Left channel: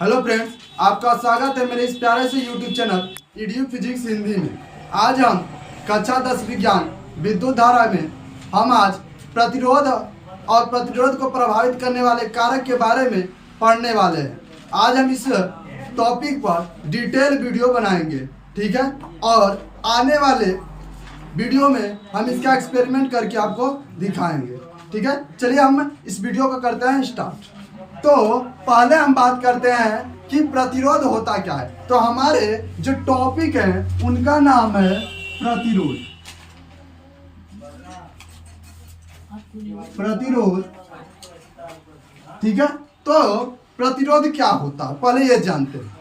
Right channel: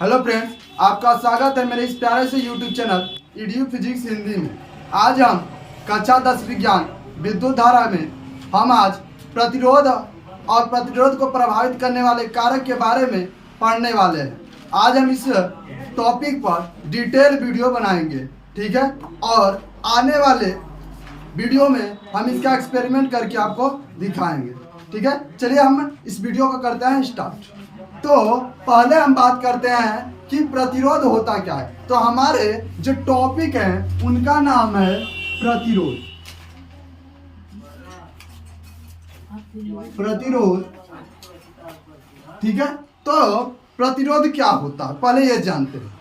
Hello friends, आपका स्वागत है मेरे इस प्यारे से YouTube channel EDU physics Hindi में। आज हम कक्षा 10 विज्ञान विद्युत धारा में हम आज प्रतिरोध और प्रतिरोध को प्रभावित करने वाले कारक के बारे में पढ़ने वाले हैं। आज हम इस टॉपिक पर डिटेल वीडियो बनाएंगे, ठीक है। और आने वाले वीडियो में हम इसका एक्सपेरिमेंट करके आपको दिखाएंगे, ठीक है। चलिए हम इस वीडियो को करते हैं स्टार्ट। तो पहले हम बात करते हैं कि प्रतिरोध होता क्या है। तो हमारे जो टॉपिक है उनका नाम है प्रतिरोध। प्रतिरोध, ठीक है। तो प्रतिरोध क्या होता है पहले ये जानते हैं।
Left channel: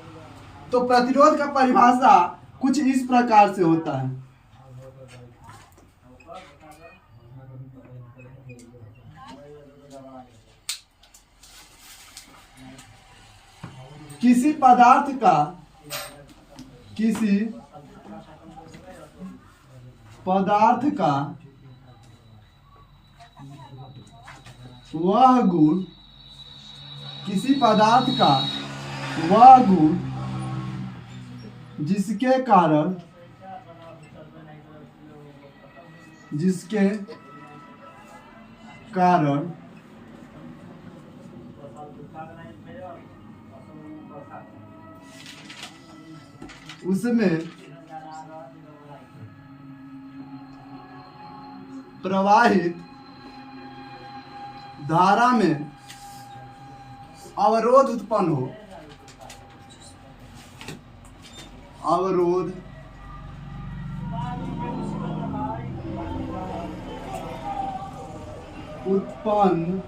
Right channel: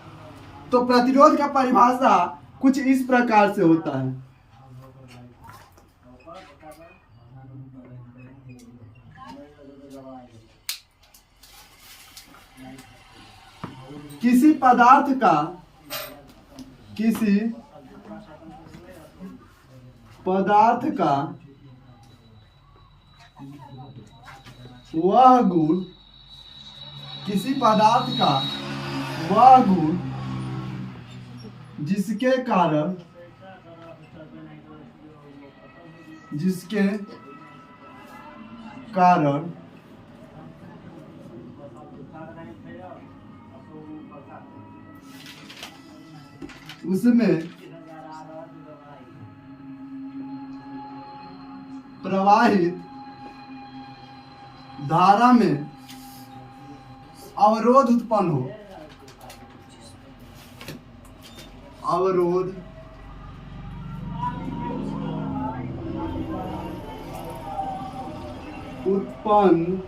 तो प्रतिरोध का परिभाषा कुछ इस प्रकार से होता है। किसी पदार्थ का वह गुण, किसी पदार्थ का वह गुण जिसके कारण उसमें प्रवाहित धारा में अवरोध उत्पन्न हो। अवरोध उत्पन्न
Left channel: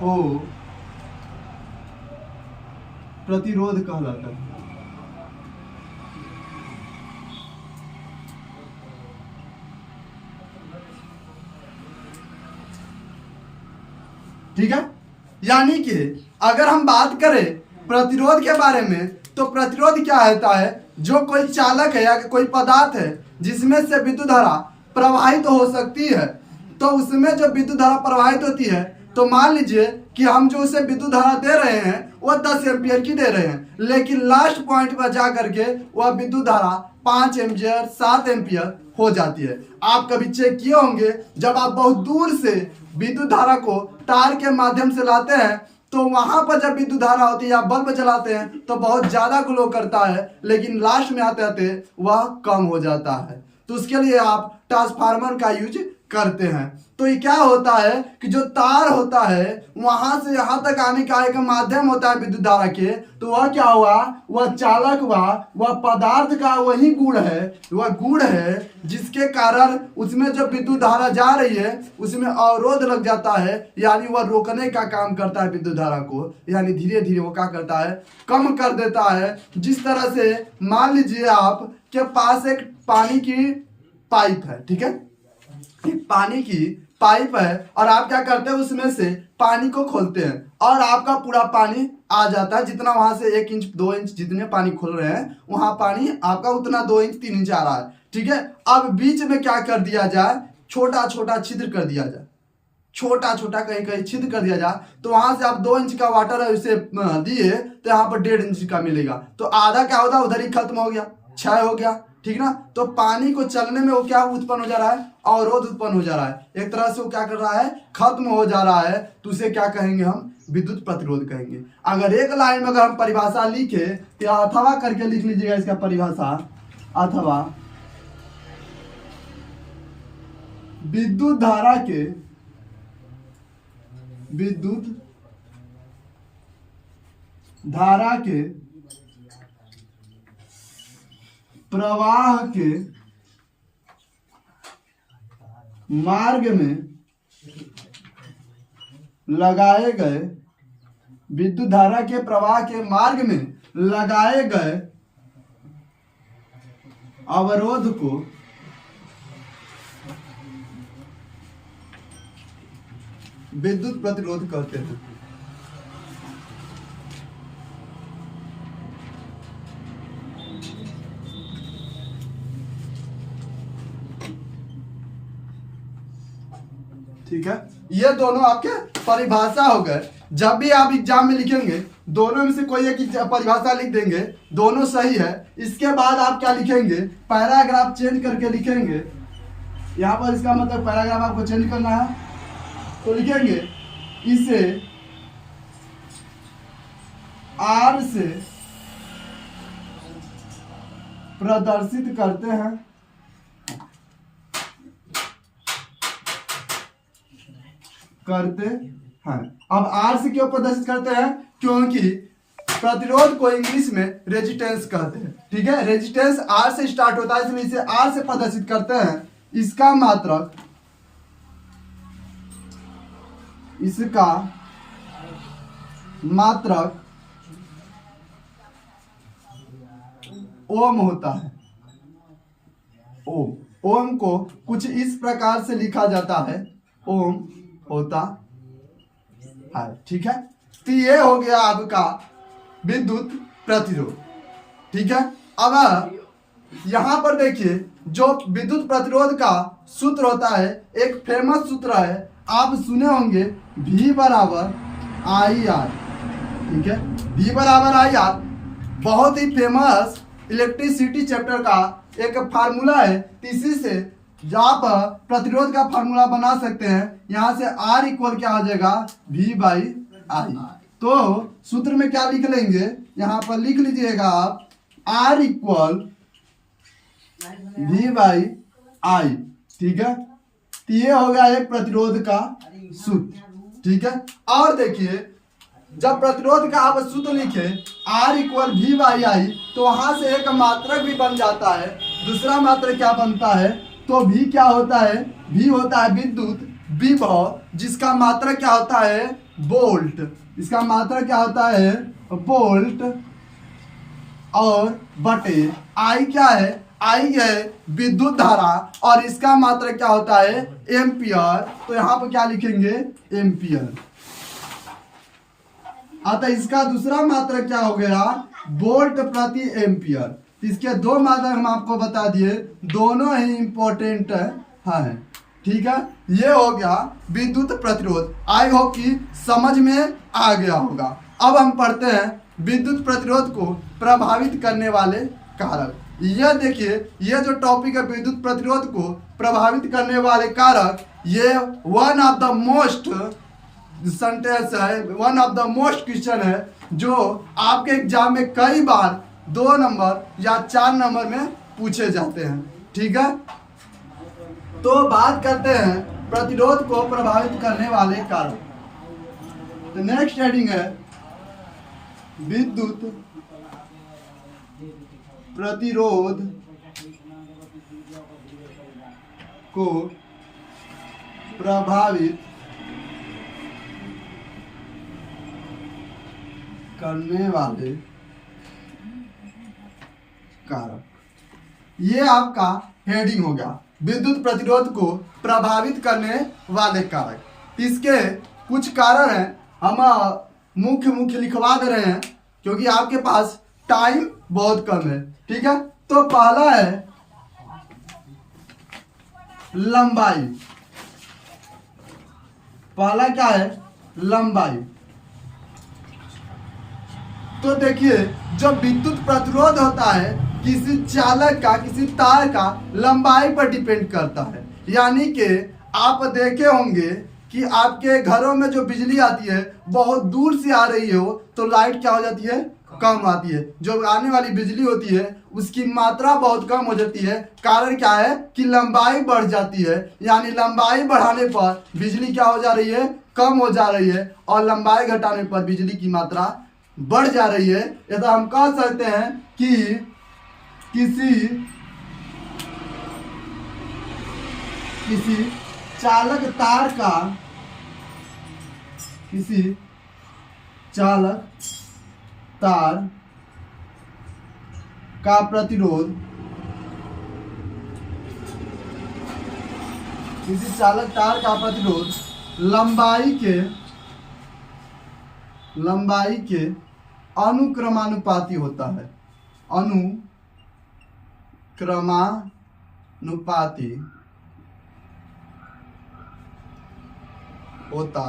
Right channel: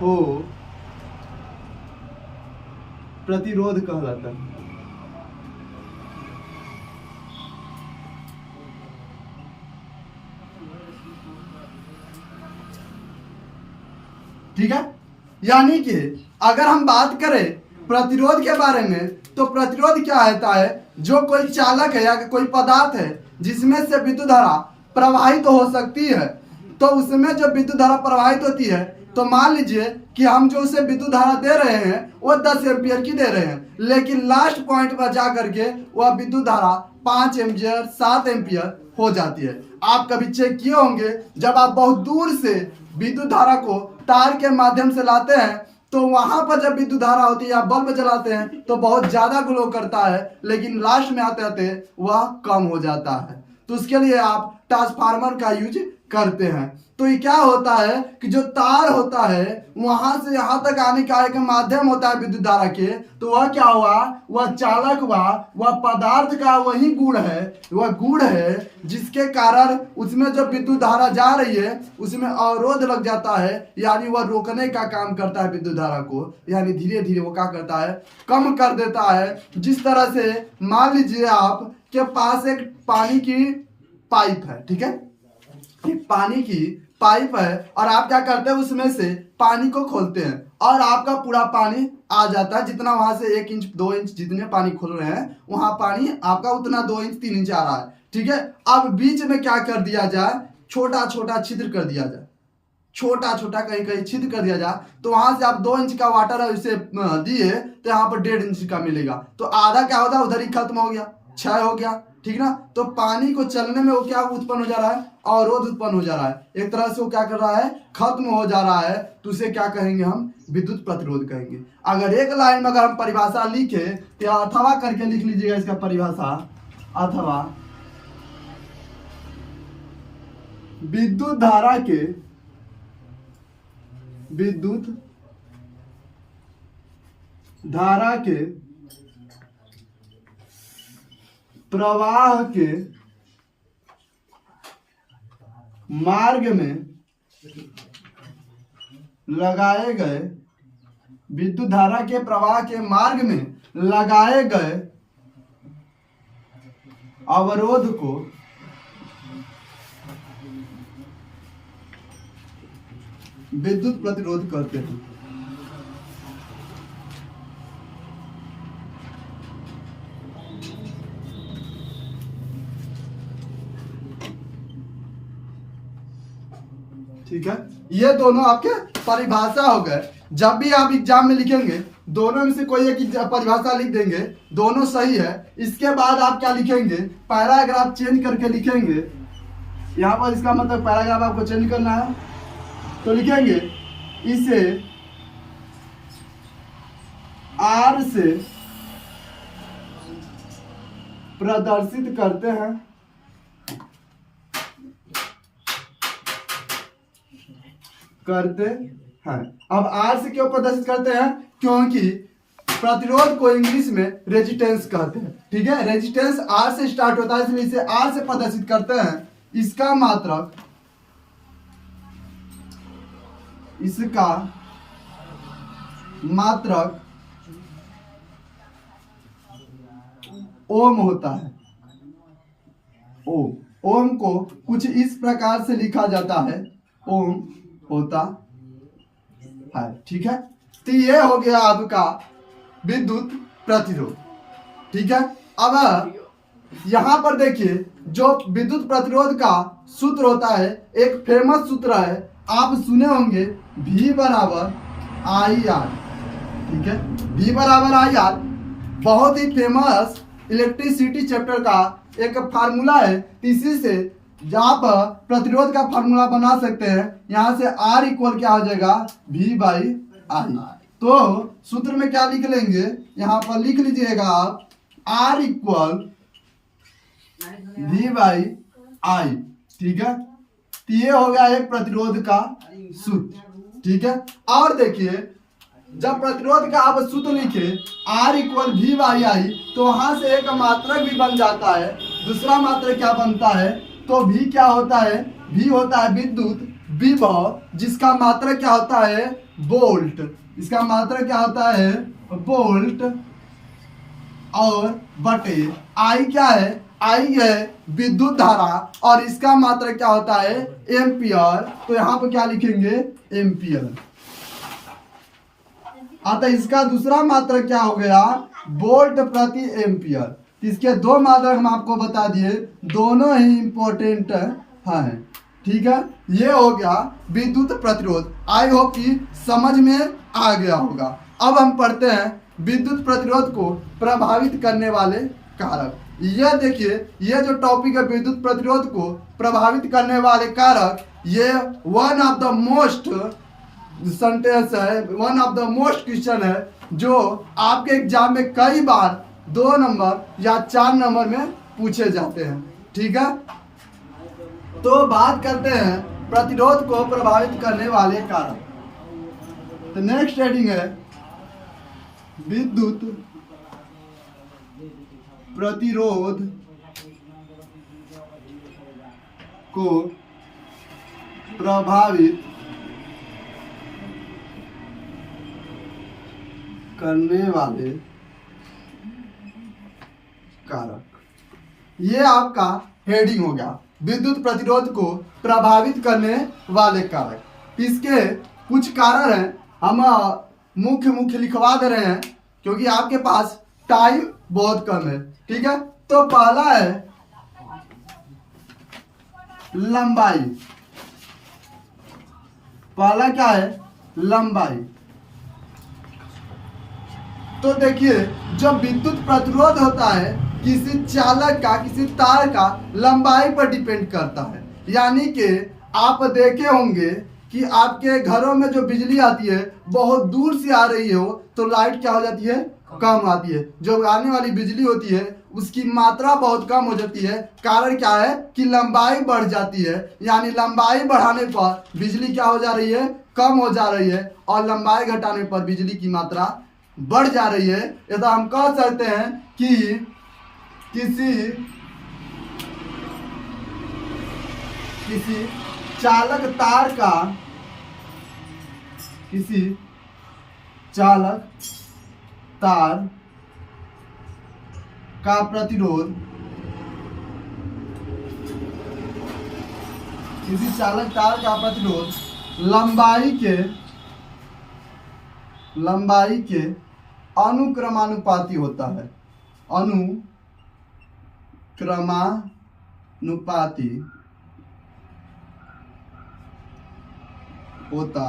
हो, प्रतिरोध कहलाता है। ठीक है। यानी कि अगर हम बात करें प्रतिरोध के बारे में, तो प्रतिरोध क्या होता है? जो कोई चालक है या कोई पदार्थ है जिसमें से विद्युत धारा प्रवाहित हो सकती है, तो उसमें जब विद्युत धारा प्रवाहित होती है तो मान लीजिए कि हम जो उसे विद्युत धारा दे रहे हैं वो 10 एम्पियर की दे रहे हैं, लेकिन लास्ट पॉइंट पर जा करके वह विद्युत धारा 5 एम्पियर 7 एम्पियर हो जाती है। आप कभी चेक किए होंगे, जब आप बहुत दूर से विद्युत धारा को तार के माध्यम से लाते हैं तो वहां पर जब विद्युत धारा होती है या बल्ब जलाते हैं तो बहुत ज्यादा ग्लो करता है, लेकिन लास्ट में आते आते वह कम हो जाता है। तो उसके लिए आप ट्रांसफार्मर का यूज करते हैं। तो ये क्या होता है कि जो तार होता है वहां से यहां तक आने का एक माध्यम होता है विद्युत धारा के, तो वह क्या हुआ, वह चालक हुआ, वह पदार्थ का वही गुण है, वह गुण है जिसके कारण उसमें जब विद्युत धारा जा रही है उसमें अवरोध लग जाता है, यानी वह रोकने का काम करता है विद्युत धारा को, यानी धीरे धीरे वो क्या करता है, कम कर देता है। जिस तरह से मान लीजिए आप के पास एक पानी की पाइप है, ठीक है, पानी की पाइप है और आप क्या करते हैं, उसमें से पानी को खोलते हैं और आपका पूरा पानी आ जाता है। जितना वहां से 1 इंच 2 इंच जितने पानी खोल रहे हैं वहां पानी आपका उतना 2 इंच 3 इंच आ रहा है, ठीक है। अब बीच में क्या कर दिया जाए, छोटा छोटा छिद्र कर दिया जाए, छोटा छोटा कहीं कहीं छिद्र कर दिया जाए, तो वहां से आप 2 इंच का वाटर है उसे दिए तो यहाँ पर 1.5 इंच का मिलेगा, तो आधा क्या होता है उधर ही खत्म हो गया, क्षय हो गया, ठीक ना। तो पानी को चलने में वो क्या उत्पन्न हो जा रहा है, अवरोध उत्पन्न हो जा रहा है, एक तरह से वो क्या कर रहा है, खत्म हो जा रहा है। तो उसे क्या कहेंगे हम, विद्युत प्रतिरोध कहेंगे। अगर एक लाइन में अगर हम परिभाषा लिखे तो अथवा करके लिख लीजिएगा इसका परिभाषा, अथवा विद्युत धारा के प्रवाह के मार्ग में लगाए गए, विद्युत धारा के प्रवाह के मार्ग में लगाए गए अवरोध को विद्युत प्रतिरोध कहते हैं। ठीक है, ये दोनों आपके परिभाषा हो गए। जब भी आप एग्जाम में लिखेंगे दोनों में से कोई एक परिभाषा लिख देंगे, दोनों सही है। इसके बाद आप क्या लिखेंगे, पैराग्राफ चेंज करके लिखेंगे। यहाँ पर इसका मतलब पैराग्राफ आपको चेंज करना है, तो लिखेंगे इसे आर से प्रदर्शित करते हैं, अब आर से क्यों प्रदर्शित करते हैं, क्योंकि प्रतिरोध को इंग्लिश में रेजिस्टेंस कहते हैं। ठीक है, रेजिस्टेंस आर से स्टार्ट होता है, इसलिए इसे आर से प्रदर्शित करते हैं। इसका मात्रक ओम होता है। ओम को कुछ इस प्रकार से लिखा जाता है, ओम होता है। ठीक है, तो ये हो गया आपका विद्युत प्रतिरोध। ठीक है, अब यहां पर देखिए जो विद्युत प्रतिरोध का सूत्र होता है, एक फेमस सूत्र है, आप सुने होंगे, V बराबर आई आर। ठीक है, V बराबर आई आर बहुत ही फेमस इलेक्ट्रिसिटी चैप्टर का एक फार्मूला है। इसी से आप प्रतिरोध का फार्मूला बना सकते हैं। यहां से R इक्वल क्या हो जाएगा, V बाई आई। तो सूत्र में क्या लिख लेंगे, यहां पर लिख लीजिएगा आप R equal V by I. ठीक है, तो ये हो गया एक प्रतिरोध का सूत्र। ठीक है, और देखिए जब प्रतिरोध का आप सूत्र लिखे R equal V by I, तो वहां से एक मात्रक भी बन जाता है। दूसरा मात्रक क्या बनता है, तो V क्या होता है, V होता है विद्युत विभव, जिसका मात्रक क्या होता है, वोल्ट। इसका मात्रक क्या होता है, वोल्ट, और बटे I क्या है, I है विद्युत धारा, और इसका मात्रक क्या होता है, एम्पियर। तो यहाँ पर क्या लिखेंगे, एम्पियर। अतः इसका दूसरा मात्रक क्या हो गया, वोल्ट प्रति एम्पियर। इसके दो मात्रक हम आपको बता दिए, दोनों ही इंपॉर्टेंट हैं। ठीक है, ये हो गया विद्युत प्रतिरोध। आई होप कि समझ में आ गया होगा। अब हम पढ़ते हैं विद्युत प्रतिरोध को प्रभावित करने वाले कारक। ये देखिए, ये जो टॉपिक है विद्युत प्रतिरोध को प्रभावित करने वाले कारक, ये one of the most sentence है, one of the most question है, जो आपके एग्जाम में कई बार 2 नंबर या 4 नंबर में पूछे जाते हैं। ठीक है, तो बात करते हैं प्रतिरोध को प्रभावित करने वाले कारक। तो नेक्स्ट हेडिंग है विद्युत प्रतिरोध को प्रभावित करने वाले कारक। ये आपका हेडिंग होगा, विद्युत प्रतिरोध को प्रभावित करने वाले कारक। इसके कुछ कारण हैं, हम मुख्य लिखवा दे रहे हैं क्योंकि आपके पास टाइम बहुत कम है। ठीक है, तो पहला है लंबाई। पहला क्या है, लंबाई। तो देखिए जब विद्युत प्रतिरोध होता है, किसी चालक का, किसी तार का लंबाई पर डिपेंड करता है। यानी कि आप देखे होंगे कि आपके घरों में जो बिजली आती है बहुत दूर से आ रही हो तो लाइट क्या हो जाती है, कम आती है। जो आने वाली बिजली होती है उसकी मात्रा बहुत कम हो जाती है। कारण क्या है कि लंबाई बढ़ जाती है, यानी लंबाई बढ़ाने पर बिजली क्या हो जा रही है, कम हो जा रही है, और लंबाई घटाने पर बिजली की मात्रा बढ़ जा रही है। ऐसा हम कह सकते हैं कि किसी चालक तार का प्रतिरोध, किसी चालक तार का प्रतिरोध लंबाई के अनुक्रमानुपाती होता है। अनुक्रमानुपाती होता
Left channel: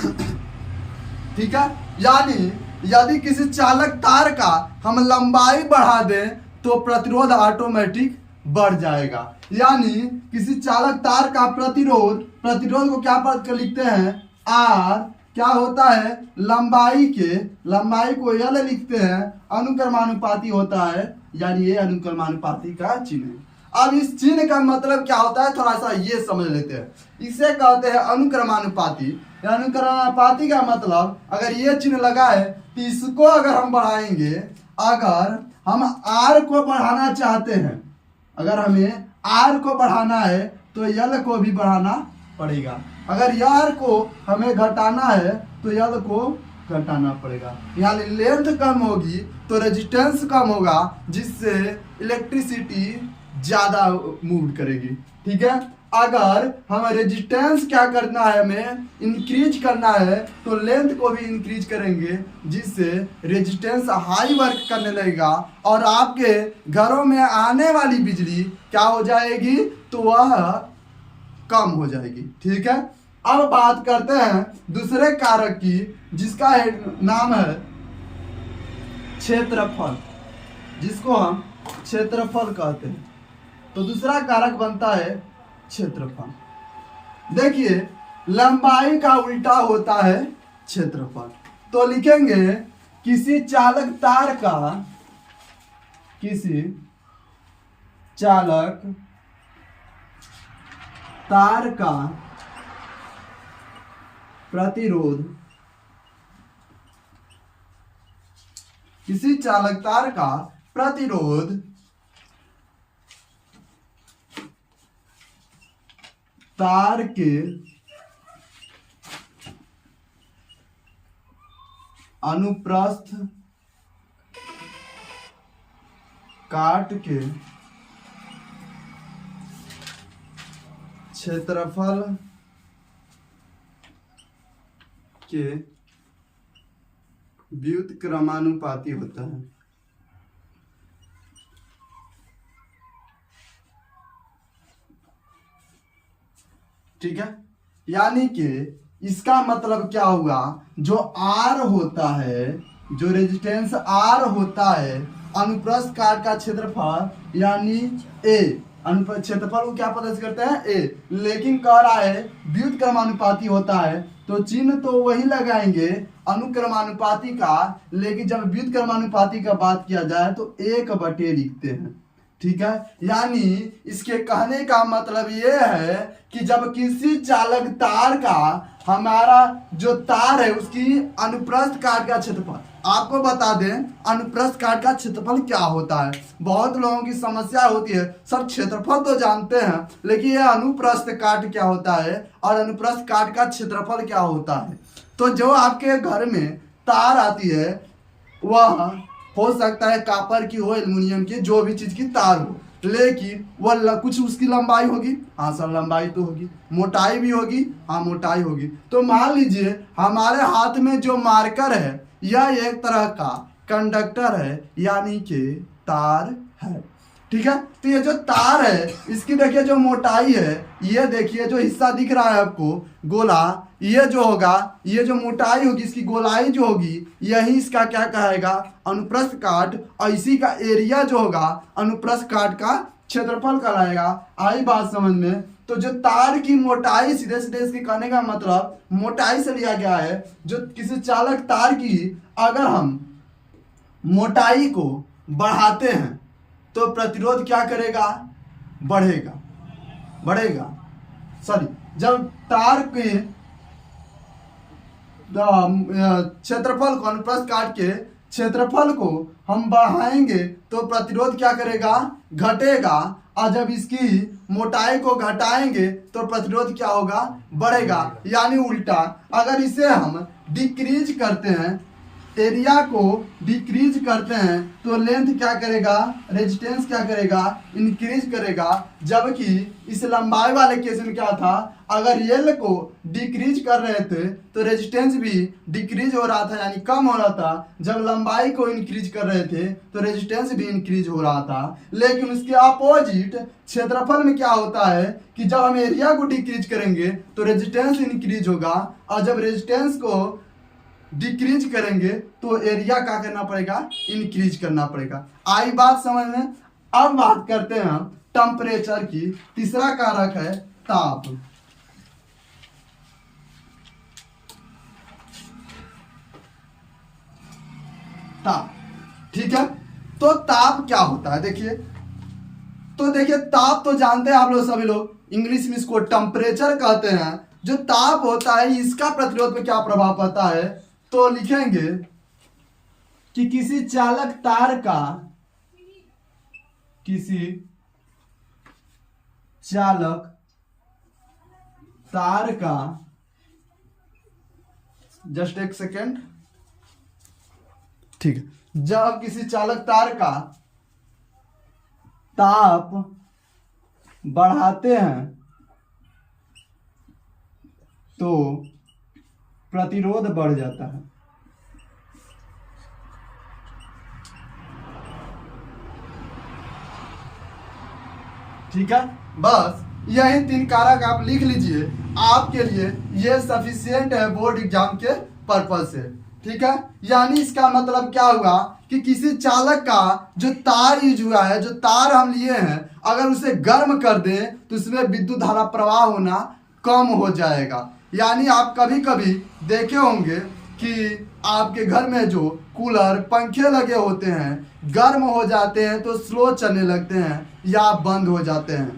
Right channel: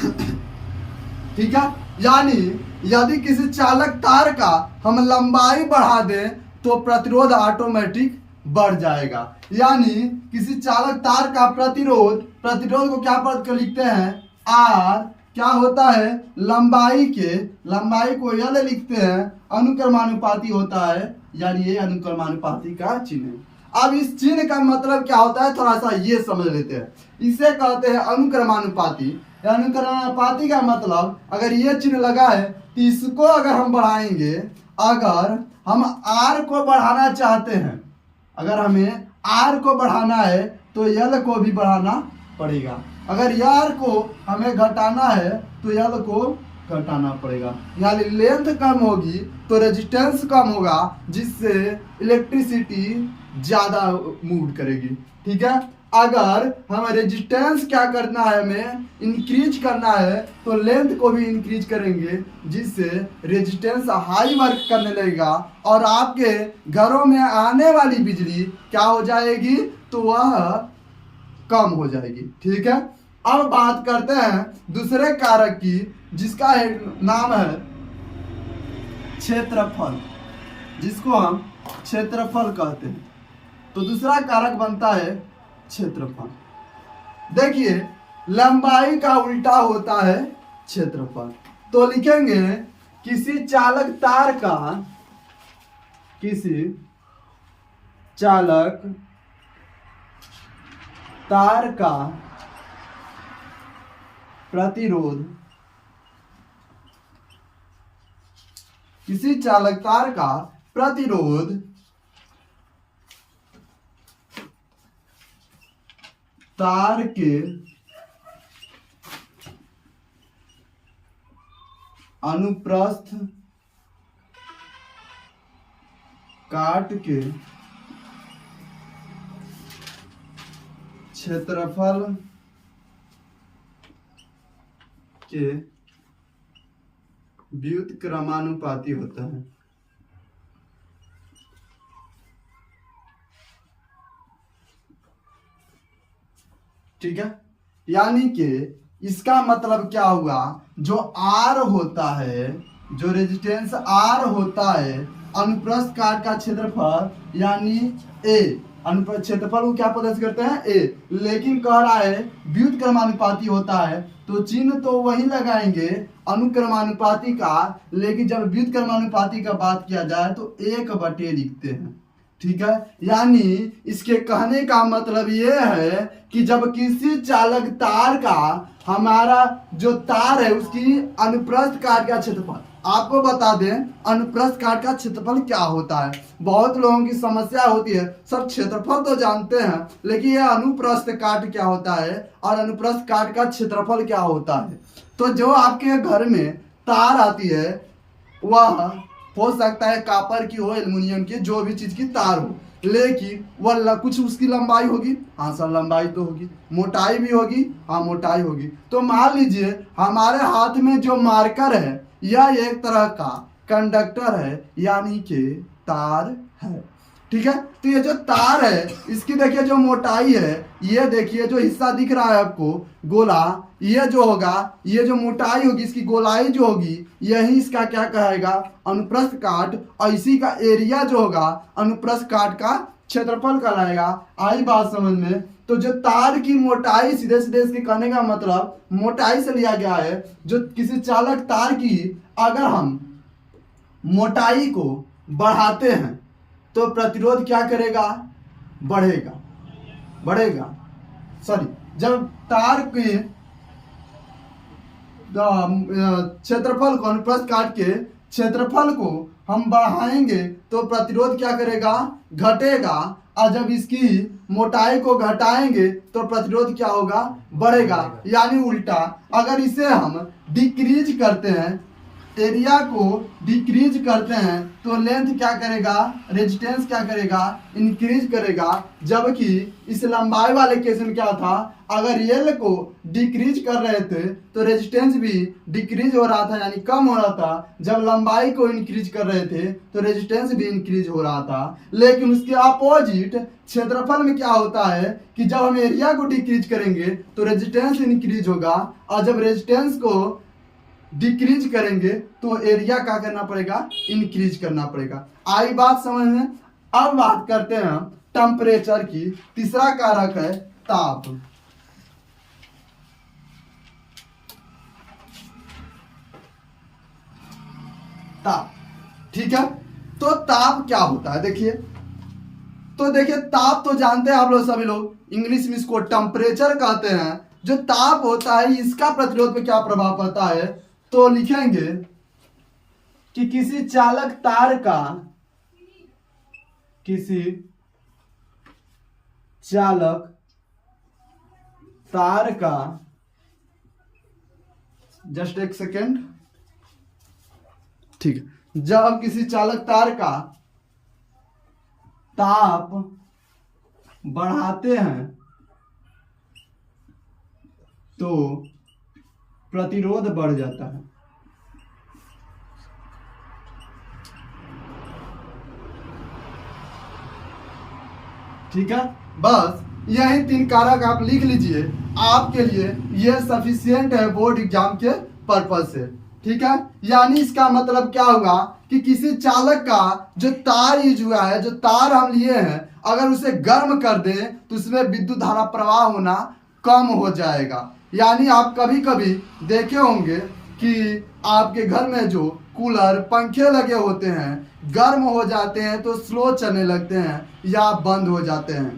ठीक है, यानी यदि किसी चालक तार का हम लंबाई बढ़ा दें तो प्रतिरोध ऑटोमेटिक बढ़ जाएगा। यानी किसी चालक तार का प्रतिरोध को क्या पद कर लिखते हैं, आर क्या होता है, लंबाई को यल लिखते हैं, अनुक्रमानुपाती होता है, यानी ये अनुक्रमानुपाती का चिन्ह है। अब इस चिन्ह का मतलब क्या होता है थोड़ा सा ये समझ लेते हैं। इसे कहते हैं अनुक्रमानुपाती। अनुक्रमानुपाती का मतलब अगर ये चिन्ह लगा है तो इसको अगर हम बढ़ाएंगे, अगर हम आर को बढ़ाना चाहते हैं, अगर हमें आर को बढ़ाना है तो यल को भी बढ़ाना पड़ेगा। अगर यार को हमें घटाना है तो यल को घटाना पड़ेगा। यानी लेंथ कम होगी तो रेजिस्टेंस कम होगा, जिससे इलेक्ट्रिसिटी ज्यादा मूव करेगी। ठीक है, अगर हमें रेजिस्टेंस क्या करना है, हमें इंक्रीज करना है तो लेंथ को भी इंक्रीज करेंगे, जिससे रेजिस्टेंस हाई वर्क करने लगेगा और आपके घरों में आने वाली बिजली क्या हो जाएगी, तो वह कम हो जाएगी। ठीक है, अब बात करते हैं दूसरे कारक की, जिसका नाम है क्षेत्रफल, जिसको हम क्षेत्रफल कहते हैं। तो दूसरा कारक बनता है क्षेत्रफल। देखिए, लंबाई का उल्टा होता है क्षेत्रफल। तो लिखेंगे किसी चालक तार का प्रतिरोध, किसी चालक तार का प्रतिरोध तार के अनुप्रस्थ काट के क्षेत्रफल के व्युत्क्रमानुपाती होता है। ठीक है, यानी कि इसका मतलब क्या हुआ, जो आर होता है, जो रेजिस्टेंस आर होता है, अनुप्रस्थ काट का क्षेत्रफल यानी ए, क्षेत्रफल को क्या प्रदर्शित करते हैं, ए, लेकिन कह रहा है व्युत्क्रमानुपाती होता है, तो चिन्ह तो वही लगाएंगे अनुक्रमानुपाती का, लेकिन जब व्युत्क्रमानुपाती का बात किया जाए तो 1/, लिखते हैं। ठीक है, यानी इसके कहने का मतलब ये है कि जब किसी चालक तार का, हमारा जो तार है उसकी अनुप्रस्थ काट का क्षेत्रफल, आपको बता दें अनुप्रस्थ काट का क्षेत्रफल क्या होता है। बहुत लोगों की समस्या होती है, सब क्षेत्रफल तो जानते हैं लेकिन यह अनुप्रस्थ काट क्या होता है और अनुप्रस्थ काट का क्षेत्रफल क्या होता है। तो जो आपके घर में तार आती है वह हो सकता है कापर की हो, एल्युमिनियम की, जो भी चीज की तार हो, लेकिन वह कुछ उसकी लंबाई होगी, हाँ सर लंबाई तो होगी, मोटाई भी होगी, हाँ मोटाई होगी। तो मान लीजिए हमारे हाथ में जो मार्कर है यह एक तरह का कंडक्टर है, यानी कि तार है। ठीक है, तो ये जो तार है इसकी देखिए जो मोटाई है, ये देखिए जो हिस्सा दिख रहा है आपको गोला, ये जो होगा, ये जो मोटाई होगी, इसकी गोलाई जो होगी, यही इसका क्या कहेगा, अनुप्रस्थ काट, और इसी का एरिया जो होगा अनुप्रस्थ काट का क्षेत्रफल कहलाएगा। आई बात समझ में। तो जो तार की मोटाई, सीधे सीधे इसके कहने का मतलब मोटाई से लिया गया है। जो किसी चालक तार की अगर हम मोटाई को बढ़ाते हैं तो प्रतिरोध क्या करेगा, बढ़ेगा। सॉरी, जब तार के क्षेत्रफल को, अनुप्रस्थ काट के क्षेत्रफल को हम बढ़ाएंगे तो प्रतिरोध क्या करेगा, घटेगा, और जब इसकी मोटाई को घटाएंगे तो प्रतिरोध क्या होगा, बढ़ेगा। यानी उल्टा, अगर इसे हम डिक्रीज करते हैं, एरिया को डिक्रीज करते हैं तो लेंथ क्या करेगा, रेजिस्टेंस क्या करेगा, इंक्रीज करेगा। जबकि इस लंबाई वाले केस में क्या था, अगर एल को डिक्रीज कर रहे थे तो रेजिस्टेंस भी डिक्रीज हो रहा था, यानी कम हो रहा था। जब लंबाई को इंक्रीज कर रहे थे तो रेजिस्टेंस भी इंक्रीज हो रहा था। लेकिन उसके अपोजिट क्षेत्रफल में क्या होता है कि जब हम एरिया को डिक्रीज करेंगे तो रेजिस्टेंस इंक्रीज होगा, और जब रेजिस्टेंस को डिक्रीज करेंगे तो एरिया क्या करना पड़ेगा, इंक्रीज करना पड़ेगा। आई बात समझ में। अब बात करते हैं हम टेम्परेचर की। तीसरा कारक है ताप। ताप, ठीक है। तो ताप क्या होता है, देखिए ताप तो जानते हैं आप लोग, सभी लोग, इंग्लिश में इसको टेम्परेचर कहते हैं। जो ताप होता है इसका प्रतिरोध पे क्या प्रभाव पड़ता है, तो लिखेंगे कि किसी चालक तार का जस्ट एक सेकेंड, ठीक है। जब किसी चालक तार का ताप बढ़ाते हैं तो प्रतिरोध बढ़ जाता है। ठीक है, बस यही 3 कारक आप लिख लीजिए, आपके लिए ये सफिशिएंट है बोर्ड एग्जाम के पर्पज से। ठीक है, यानी इसका मतलब क्या हुआ कि किसी चालक का जो तार यूज हुआ है, जो तार हम लिए हैं, अगर उसे गर्म कर दे तो उसमें विद्युत धारा प्रवाह होना कम हो जाएगा। यानी आप कभी कभी देखे होंगे कि आपके घर में जो कूलर पंखे लगे होते हैं, गर्म हो जाते हैं तो स्लो चलने लगते हैं या बंद हो जाते हैं।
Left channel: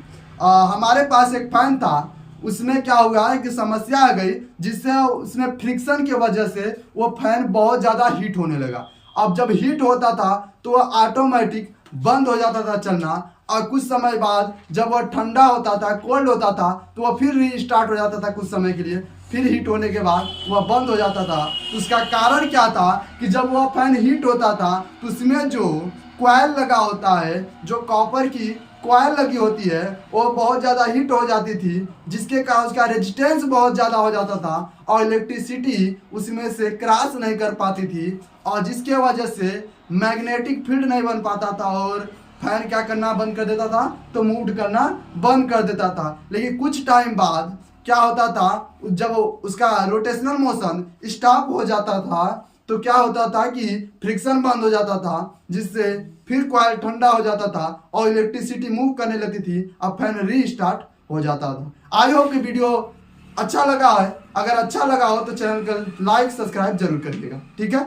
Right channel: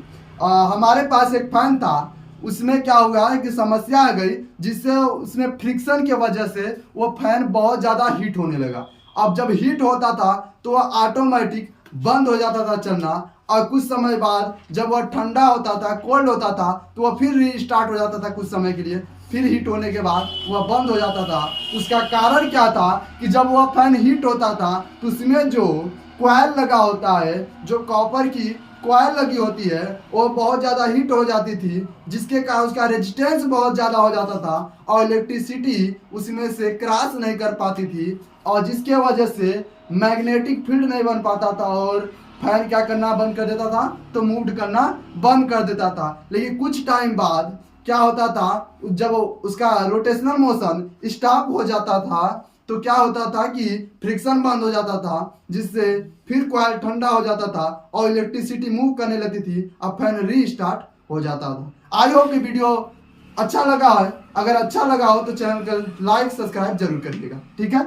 हमारे पास एक फैन था, उसमें क्या हुआ है कि समस्या आ गई, जिससे उसमें फ्रिक्शन की वजह से वो फैन बहुत ज़्यादा हीट होने लगा। अब जब हीट होता था तो वह ऑटोमेटिक बंद हो जाता था चलना, और कुछ समय बाद जब वह ठंडा होता था, कोल्ड होता था, तो वह फिर रीस्टार्ट हो जाता था कुछ समय के लिए, फिर हीट होने के बाद वह बंद हो जाता था। तो उसका कारण क्या था कि जब वह फैन हीट होता था तो उसमें जो कॉइल लगा होता है, जो कॉपर की कॉइल लगी होती है, वो बहुत ज़्यादा हीट हो जाती थी, जिसके कारण उसका रेजिस्टेंस बहुत ज़्यादा हो जाता था और इलेक्ट्रिसिटी उसमें से क्रॉस नहीं कर पाती थी, और जिसके वजह से मैग्नेटिक फील्ड नहीं बन पाता था और फैन क्या करना बंद कर देता था, तो मूव करना बंद कर देता था। लेकिन कुछ टाइम बाद क्या होता था, जब उसका रोटेशनल मोशन स्टॉप हो जाता था तो क्या होता था कि फ्रिक्शन बंद हो जाता था, जिससे फिर कॉइल ठंडा हो जाता था और इलेक्ट्रिसिटी मूव करने लगती थी, अब फैन रीस्टार्ट हो जाता था। आई होप कि वीडियो अच्छा लगा है। अगर अच्छा लगा हो तो चैनल को लाइक सब्सक्राइब जरूर करिएगा। ठीक है।